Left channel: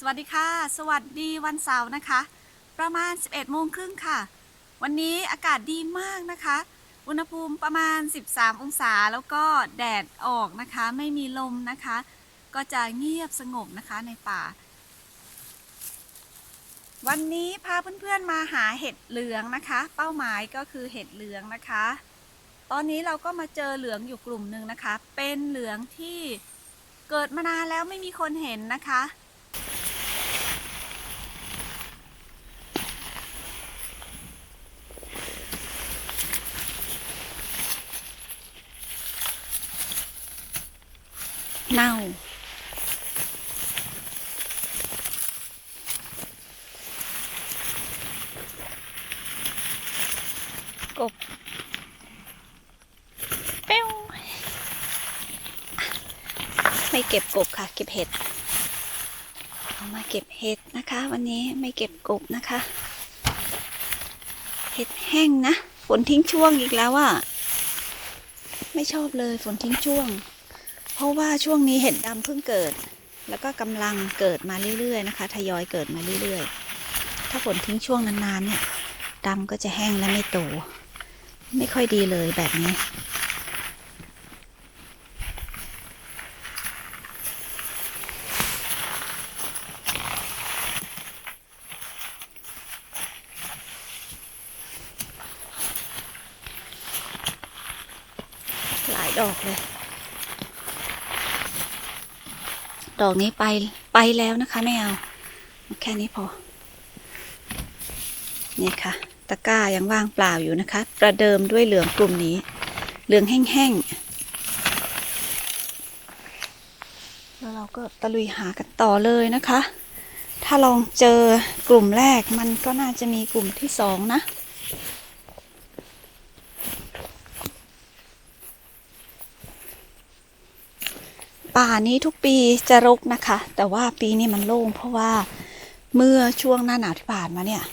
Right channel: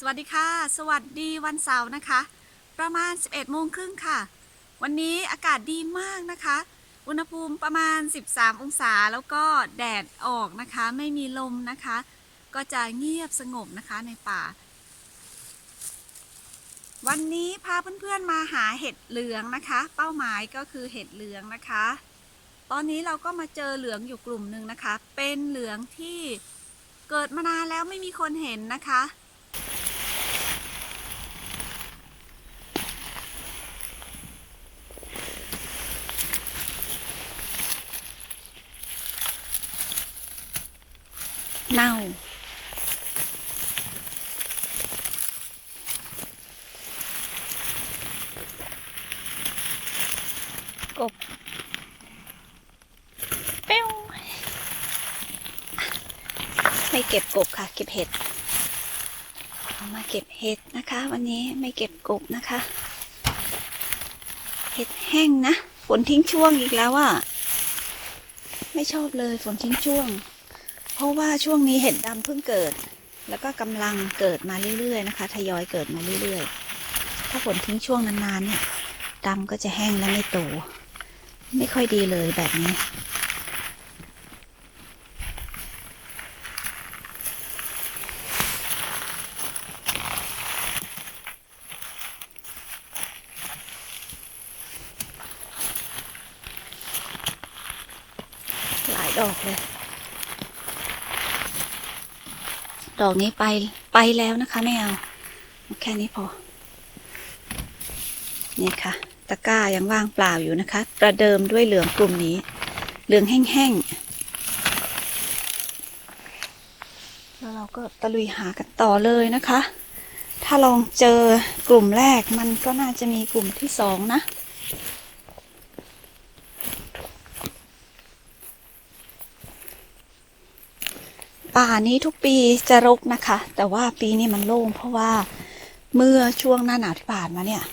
สวัสดีค่ะ สวัสดีวันเสาร์นะคะ ประมาณ 11โมงครึ่งค่ะ วันนี้อากาศดีมากนะคะ อุณหภูมิประมาณ 13 องศาแล้วก็แดดออกนะคะ ไม่มีลมนะคะ ก็จะเงียบสงบนะคะในป่า วันนี้พาเพื่อนๆมาหาเห็ดเหลืองนะคะ เป้าหมายก็คือเห็ดเหลืองนะคะ ตอนนี้เราก็มาเจอเหลืองอยู่กลุ่มหนึ่งนะคะ เป็นเหลืองที่เกิดมานานแล้วไม่มีคนเห็นนะคะ เน่า กบเป้วไม่เก็บกบค่ะ เก็บเห็ดมาเก็บเห็ดนะคะ วันนี้ไม่เก็บกบนะคะ เห็ดแห้งนะฝนทิ้งช่วงอีกแล้วอะไม่ชอบเลยฝนทิ้งช่วง เพราะว่าช่วงนี้เห็ดดำเพิ่งเกิด แล้วก็กำลังเกิดมาเรื่อยๆนะคะ ทยอยเกิดมาเรื่อยๆ ถ้าฝนทิ้งช่วงนานๆเนี่ยดำก็จะแห้งและไม่โต ไม่ค่อยดีเลยแบบนี้ หลายดอกเลย ด อกนี้ไปไปแล้วนะคะไม่เอาแค่นี้พอ นี่ค่ะ ตะกร้ายังว่างเปล่าอยู่นะคะ ประเดิมด้วยเหลืองกลุ่มนี้ เหลืองแห้งๆ แล้วเราก็ตะลุยหากันต่อเลยนะคะ ถ้าลองเจอกลุ่มแรกมันก็น่าจะมีกลุ่มที่สองนะ ป่านี้ทุกปีจะรกนะคะ แต่ว่าปีนี้มันโล่งเพราะว่าเมื่อช่วงหน้าหนาวที่ผ่านมาเนี่ย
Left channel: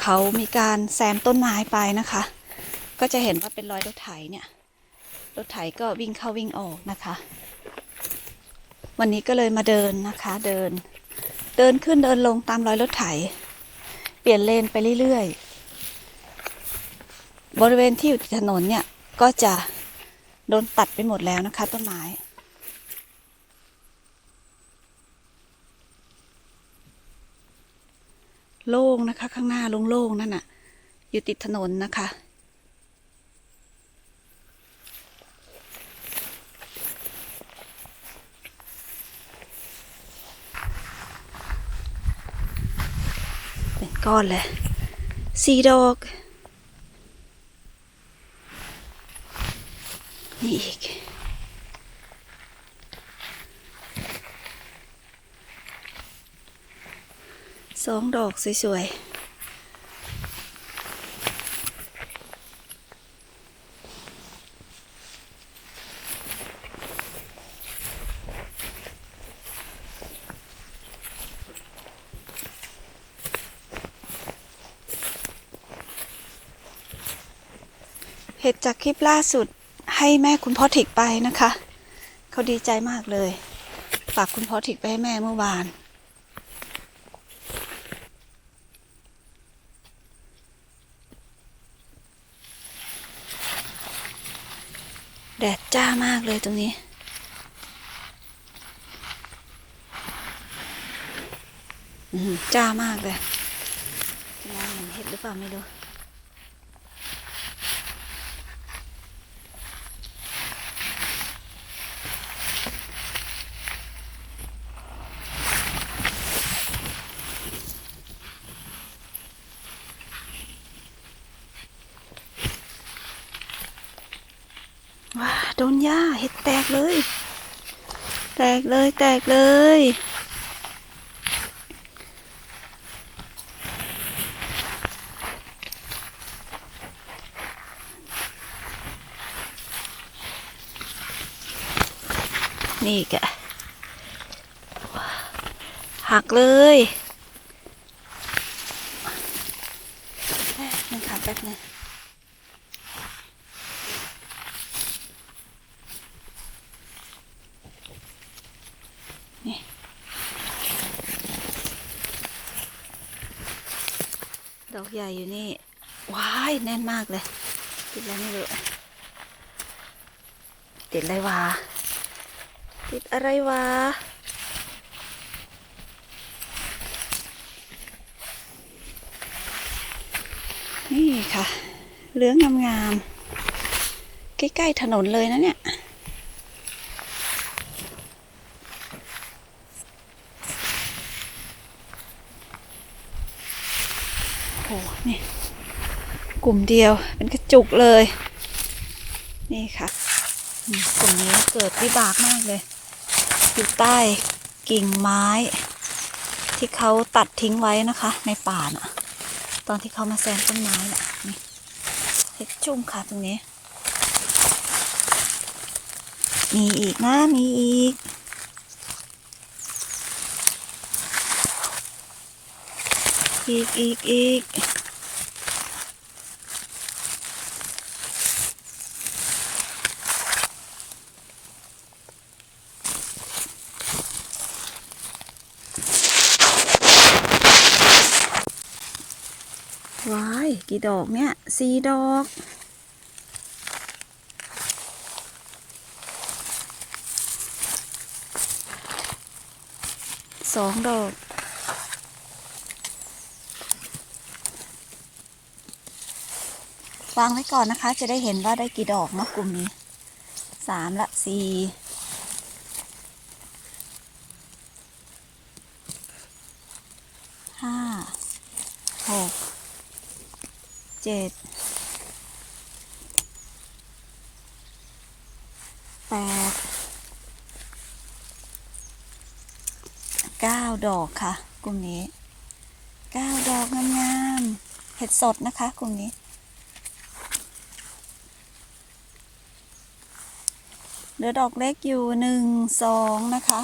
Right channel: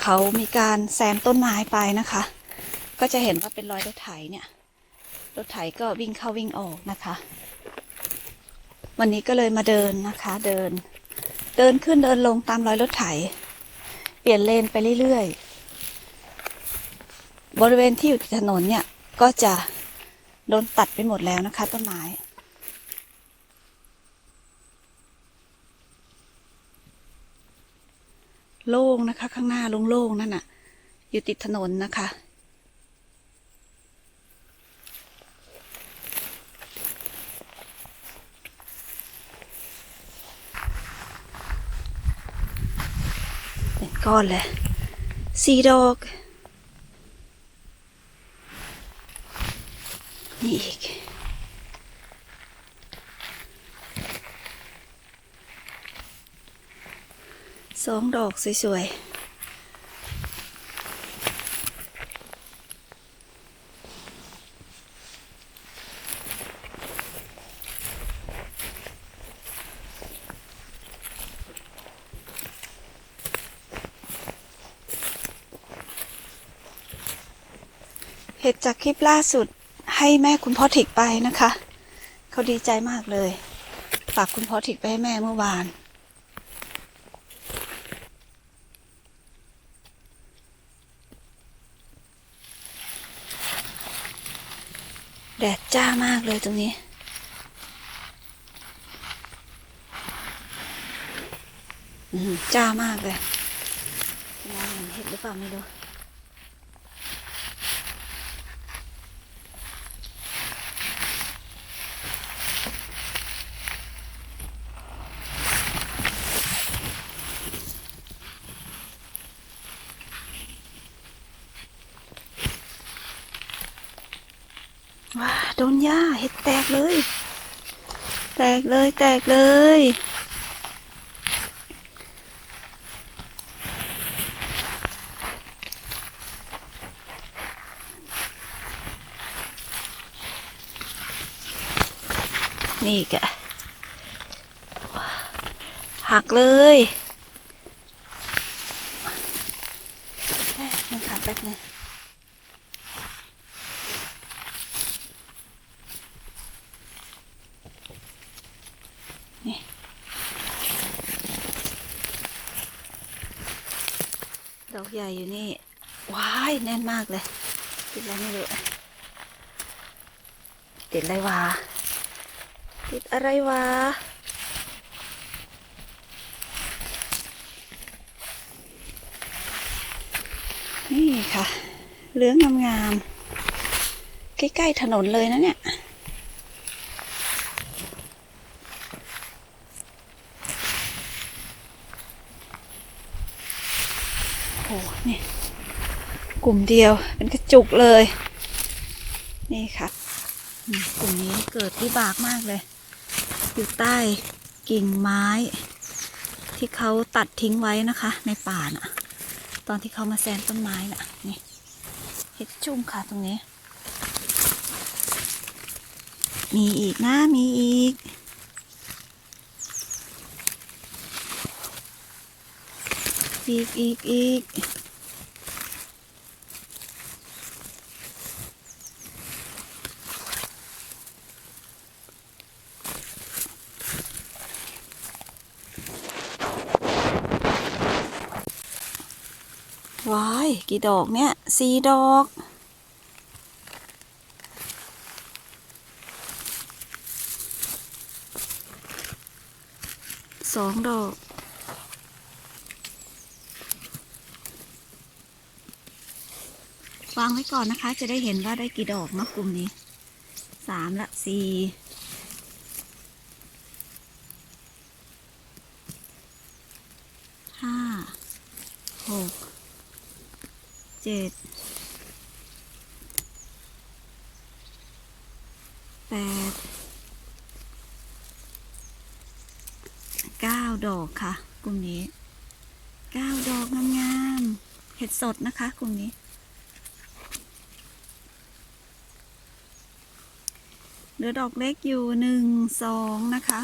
เขามีการแซมต้นไม้ไปนะคะ ก็จะเห็นว่าเป็นรอยรถไถเนี่ยรถไถก็วิ่งเข้าวิ่งออกนะคะ วันนี้ก็เลยมาเดินนะคะ เดิน เดินขึ้นเดินลงตามรอยรถไถ เปลี่ยนเลนไปเรื่อยๆ บริเวณที่อยู่ถนนเนี่ยก็จะโดนตัดไปหมดแล้วนะคะ ต้นไม้ โล่งนะคะ ข้างหน้าโล่งๆนั่นน่ะ อยู่ติดถนนนะคะ เป็นก้อนเลยสีดอกนี่อีก สองดอกสวยๆเห็ดจากคลิปล่าสุดให้แม่คุณพ่อถิดไปนะคะ เขาดีใจมากเลย ฝากคุณพ่อถิดไปให้แม่เมื่อวาน แดดจ้ามากเลยตรงนี้อืมจ้ามากเลยน้ำมันเห็ดหรือเปล่าไม่รู้ ว้าโดนหญ้าเห็ดแตกเลย แตกเลยแตกเลย นี่แกหักเลยแป๊บนึงค่ะแป๊บนึง ดอกใหญ่อยู่นี่ ว้าย แน่นมากเลย ติดอะไรไม่รู้ติดอะไรวะ ติดอะไรวะ นี่ค่ะเหลืองงามๆใกล้ๆถนนเลยนะเนี่ย โอ้โหนี่ ก ลุ่มเดียวเป็นกระจุกเลย นี่ค่ะกลุ่มนี้เกิดวิบากมากเลย อยู่ใต้กิ่งไม้ ที่เขาตัดทิ้งไว้นะคะ ในป่าน่ะ ตอนที่เขามาแซมต้นไม้น่ะนี่เห็ดชุ่มค่ะตรงนี้ มีอีกนะมีอีกอีกอีกอีก ว้าย กี่ดอกเนี่ยสี่ดอก สองดอก วางไว้ก่อนนะคะ จะได้เห็นว่าได้กี่ดอกเนาะกลุ่มนี้สามละสี่ห้าหก เจ็ดแปดเก้าดอกค่ะ กลุ่มนี้เก้าดอกงามๆเห็ดสดนะคะ กลุ่มนี้ เหลือดอกเล็กอยู่หนึ่งสองนะคะ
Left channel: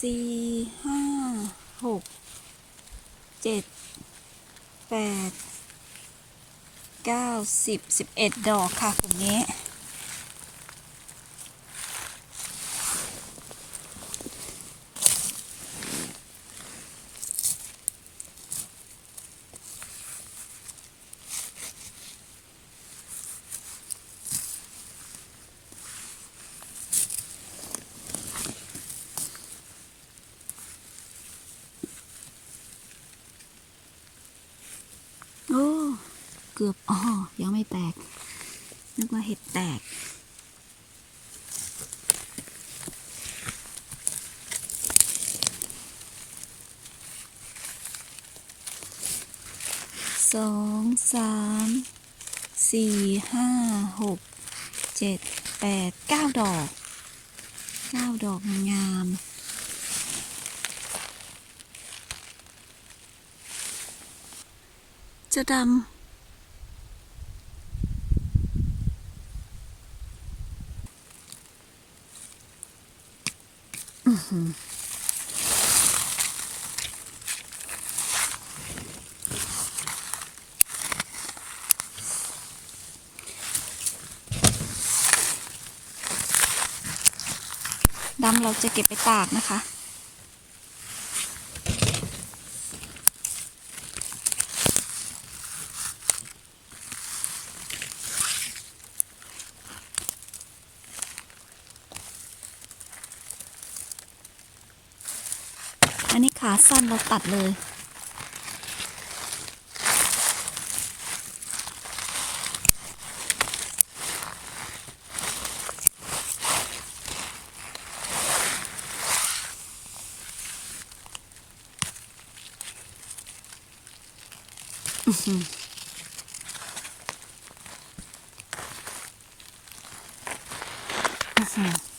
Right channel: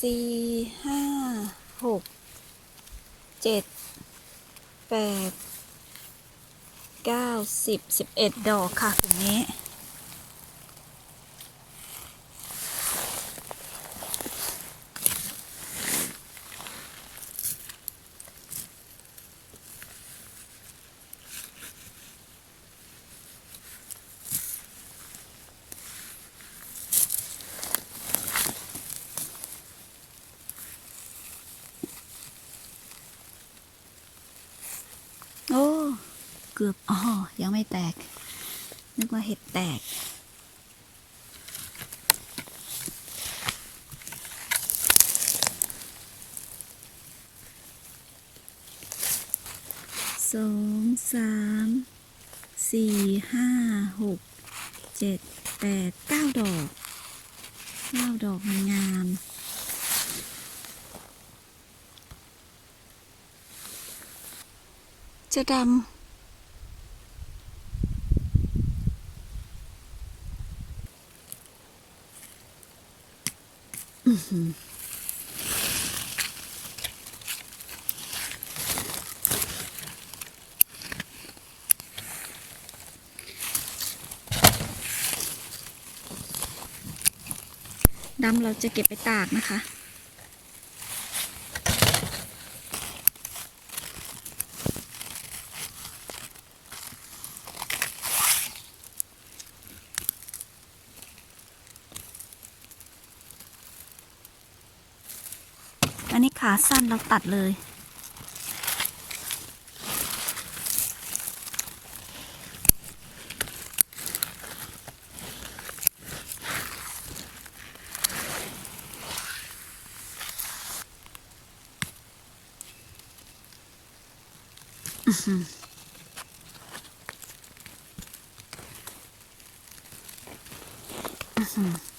สี่ห้าหกเจ็ดแปดเก้าสิบสิบเอ็ดดอกค่ะกลุ่มนี้ โอ้ เกือบอ๋อยังไม่แตก นึกว่าเห็ดแตก สองสามสี่ห้าหกเจ็ดแปดเก้าดอกเก้าดอกงามจะดำ ดำเราจะเก็บไปตากนะคะ อันนี้ขาสั้นเราตัดเลย อื้อหือ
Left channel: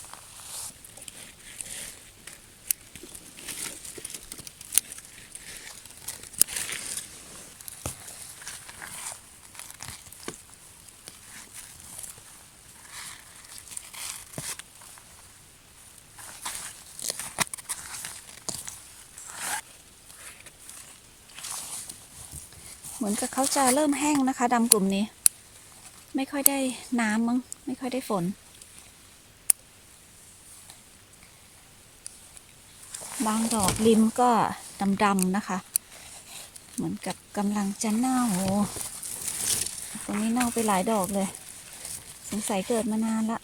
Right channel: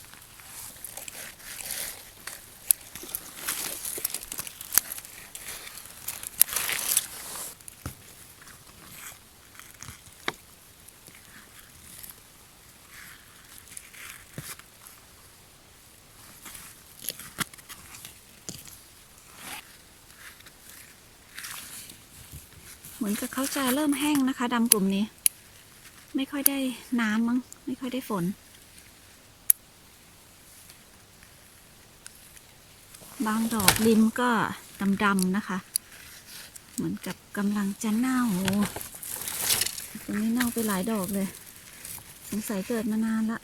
เขาจะเริ่มแห้งนะคะดำกลุ่มนี้ ไม่ค่อยได้น้ำมั้งไม่ค่อยได้ฝน บางดอกริมก็ดำๆนะคะ เหมือนกับกำลังจะเน่าตรงนี้เน่าไปหลายดอกเลย สงสัยเกิดมานานละ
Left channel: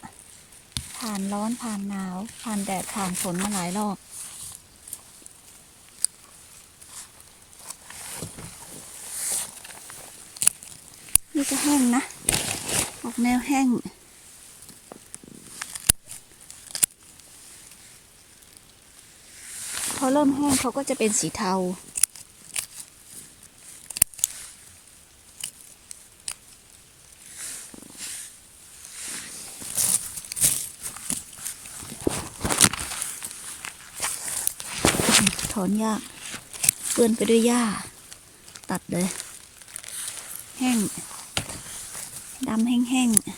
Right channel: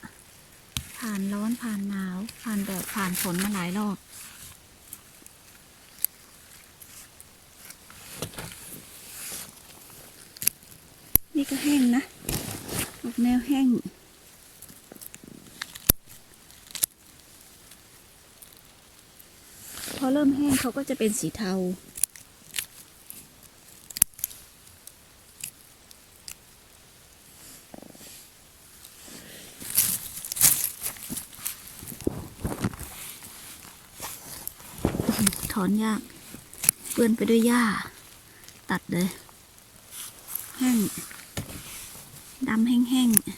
ผ่านร้อนผ่านหนาว ผ่านแดดผ่านฝนมาหลายรอบ นี่ก็แห้งนะ ออกแนวแห้ง พอเริ่มแห้งเขาก็จะเป็นสีเทา ถอนยากเปื้อนไปด้วยหญ้า ตัดเลย แห้ง ดำแห้งๆเอ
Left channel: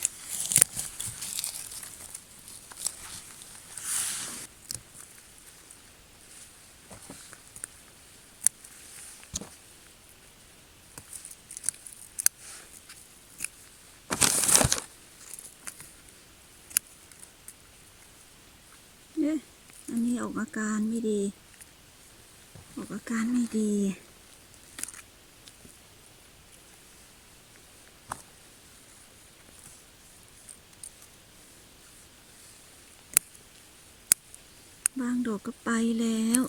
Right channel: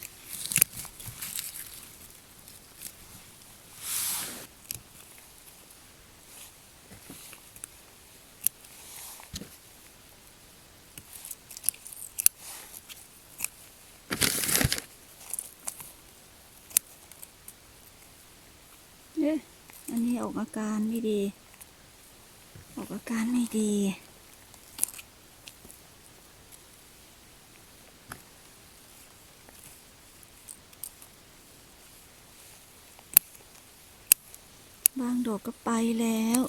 ๊ะอันนี้ออกอาการไม่ดี ออกอาการไม่ดี ดอกก็ไปแล้ว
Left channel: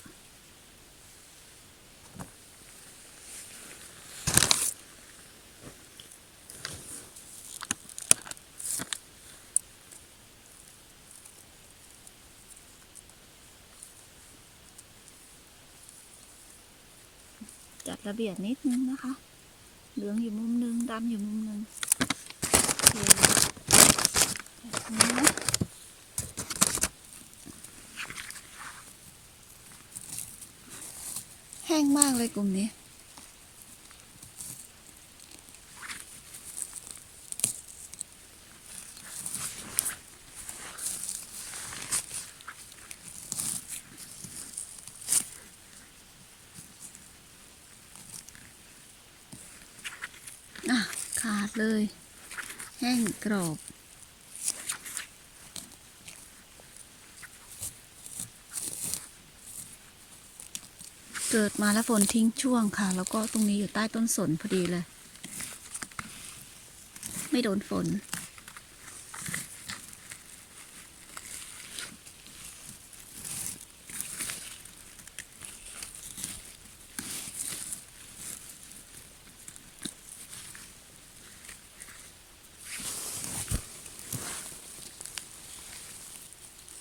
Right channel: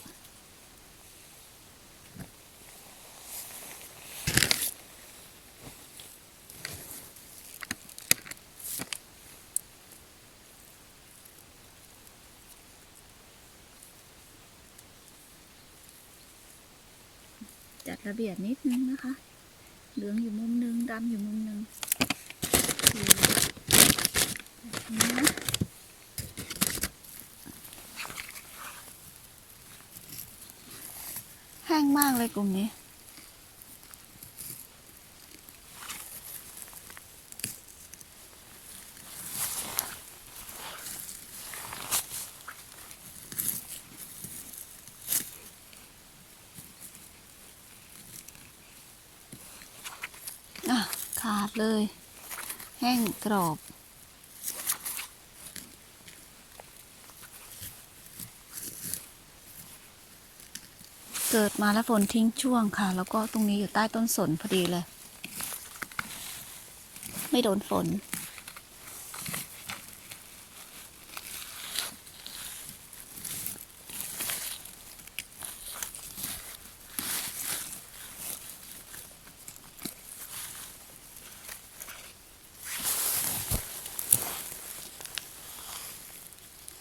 จัดระเบียบนิดนึงนะคะ เหลืองอยู่มุมนึงดำอยู่มุมนึงโอเคแบบนี้นะ แห้ง มากเลยกลุ่มนี้อะขาดเลย แห้งกรอบ เกิดมาแล้วฝนทิ้งช่วงค่ะ แล้วก็ตรงนี้อยู่ใต้ต้นสนพอดีเลย ไม่โดนฝน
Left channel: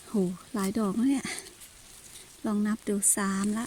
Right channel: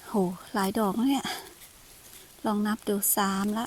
โห หลายดอกแล้วเนี่ย ลองนับดูสามละ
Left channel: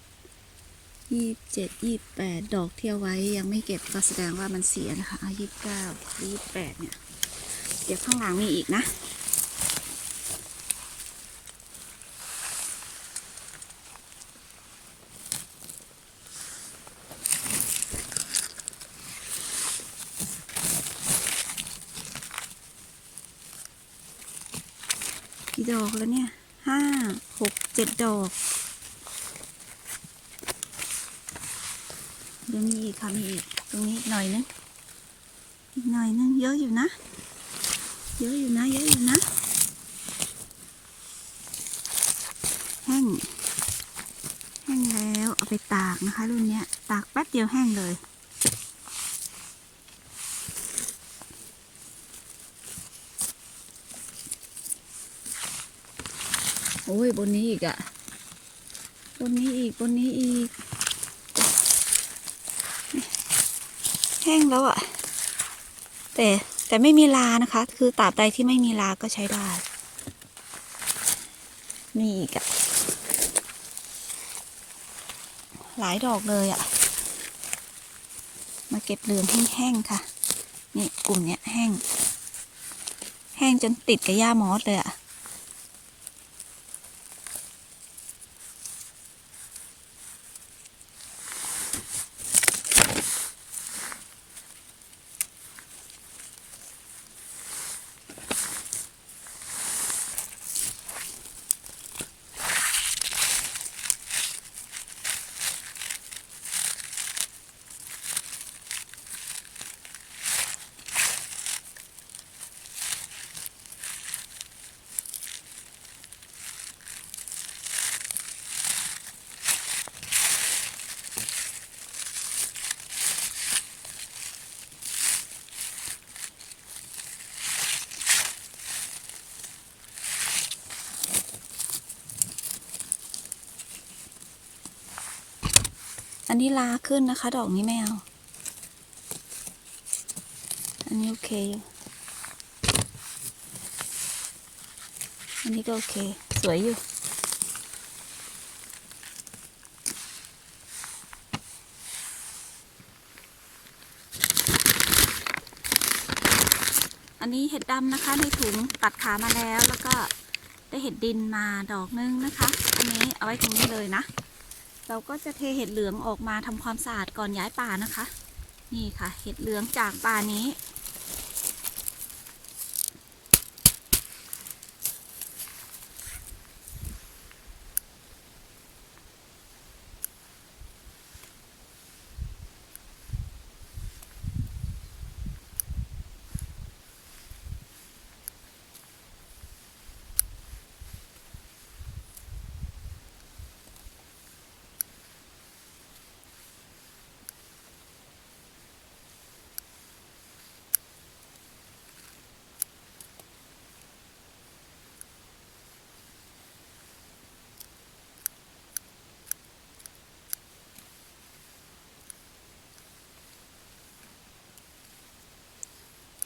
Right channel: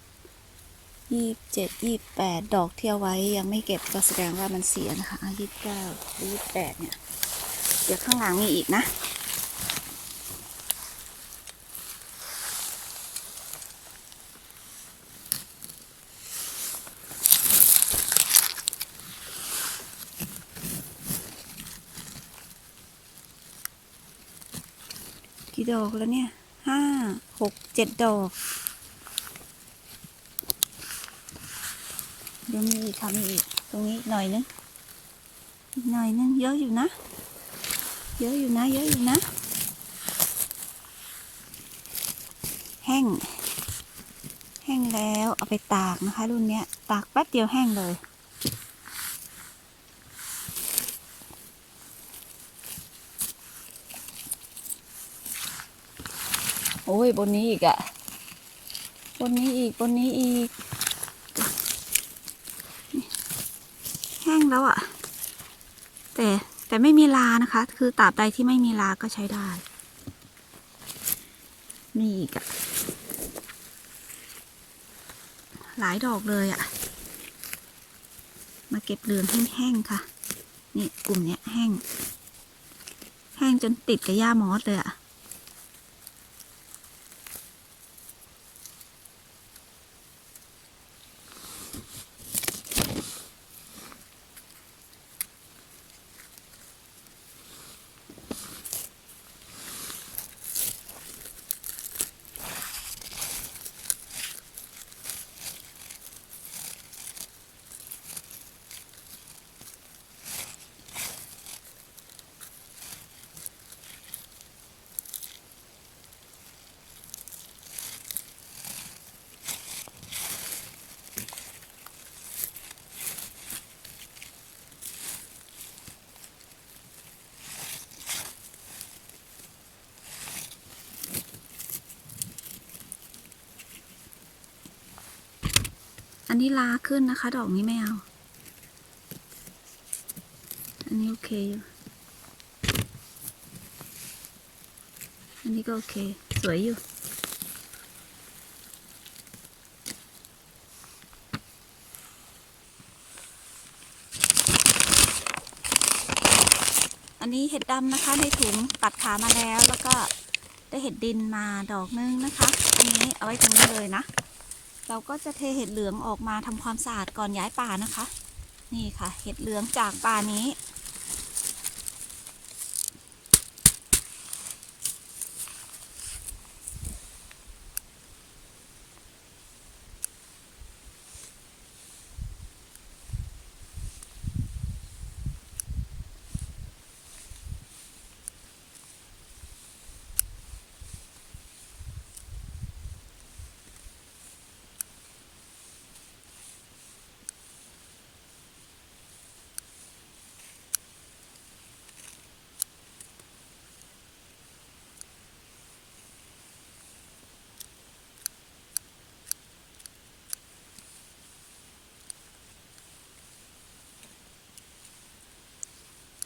ยี่สิบเจ็ดยี่สิบแปดดอกที่เอาไว้ยังไม่เก็บก็แสดงว่ามันเสียนะคะยี่สิบเก้ายี่สิบแปดเนี่ย เดี๋ยวข้างหลังมีอีกนะ กี่ดอกแล้วเนี่ยห้าหกเจ็ดดอก เดี๋ยวมีอีกค่ะมีอีก ตรงนี้หน่อยนึงอีกหน่อยนึงเยอะอยู่นะ เยอะอยู่นะ เยอะอยู่นะ แห้ง แห้งแล้วเอาไปตากนะคะ รุ่นเนี้ย ตากแป๊บเดียวแห้งเลยโอ้ยบนนี้อีกอะบนนี้อีกบนนี้อีก แล้วอะแต่แต่ไม่มีลานะคะ คือตราบใดที่ไม่มีลาก็ใช้ได้ นี่อีกอะหลายดอกเลยอะมาเก็บเหลืองแห้งค่ะ นี่กลุ่มเนี้ยแห้ง แห้งจนติดกับหญ้ามอสเลยอะ อันนี้ลาขึ้นนะคะ ดอกนี้ไม่เอา อันนี้โอเคอยู่อันนี้ก็โอเค สวยอยู่ อันนี้เห็ดดำนะคะในถุงตัดขามาแล้วแล้วก็ได้เห็ดดินมาดอกนึงนะคะ อันนี้เอาไว้ตรงนี้เลยนะ เราก็จะเทเห็ดเหลืองออกมาทำความสะอาดก่อนย้ายป่านะคะ นี่ค่ะ เห็ดเหลืองจากป่านี้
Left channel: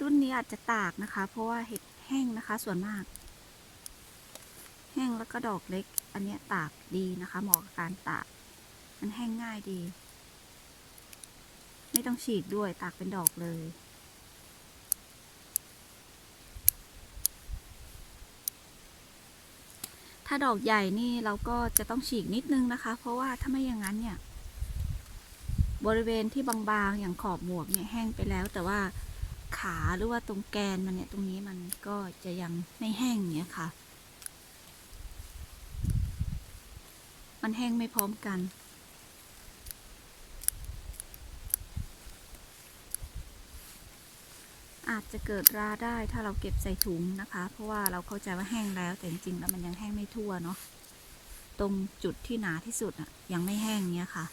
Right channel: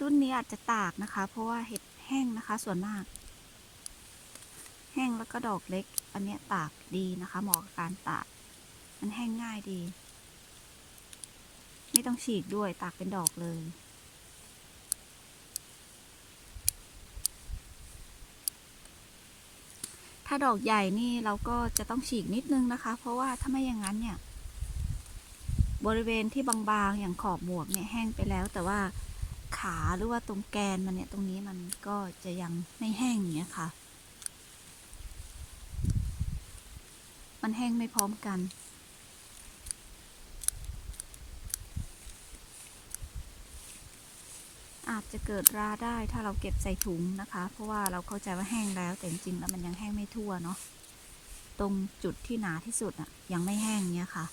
รุ่นนี้อาจจะตากนะคะ เพราะว่าเห็ดแห้งนะคะส่วนมาก แห้งแล้วก็ดอกเล็ก อันนี้ตากดีนะคะเหมาะกับการตาก มันแห้งง่ายดี ไม่ต้องฉีกด้วยตากเป็นดอกเลยถ้าดอกใหญ่นี่เราก็จะต้องฉีกนิดนึงนะคะ เพราะว่าถ้าไม่อย่างนั้นเนี่ย บริเวณที่บางๆอย่างขอบหมวกเนี่ยแห้งไปแล้ว แต่ว่า ขาหรือว่าตรงแกนมันเนี่ยตรงนี้มันก็จะยังไม่แห้งอย่างเงี้ยค่ะ มันแห้งไม่พร้อมกันอาจจะเกิดราได้ถ้าเราเก็บใส่ถุงนะคะ เพราะว่าเราเข้าใจว่าแห้งแล้วแต่จริงๆแล้วมันยังแห้งไม่ทั่วเนาะตรงจุดที่หนาที่สุดอะยังไม่แห้งเงี้ยค่ะ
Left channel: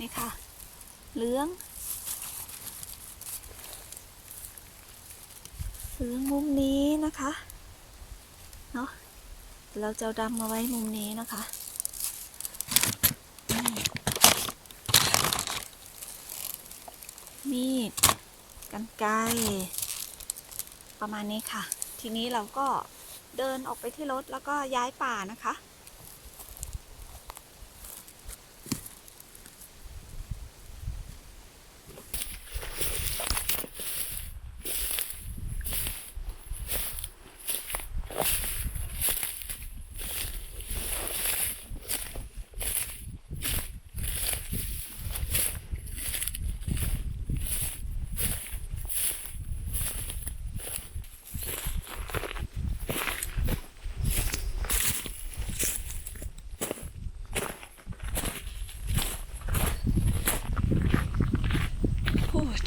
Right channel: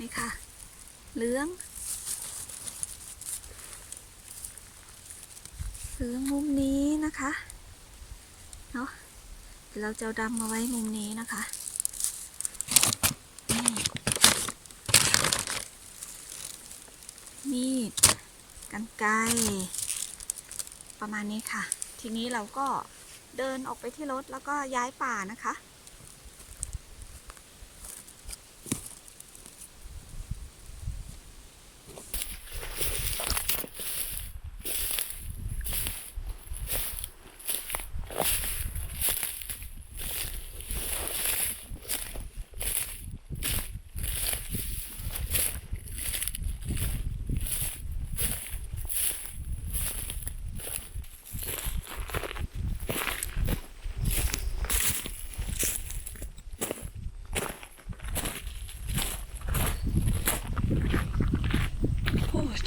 นี่ค่ะ เหลือง เหลืองมุมนี้นะคะ เนาะเดี๋ยวเราจะดำมาไว้มุมนี้นะคะนี่มีดกันไกรประมาณนี้ค่ะ ทีนี้เราก็เดินออกไปที่รถแล้วก็ย้ายป่านะคะ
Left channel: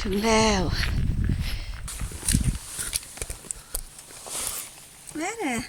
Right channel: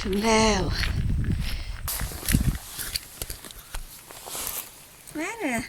Now. Where?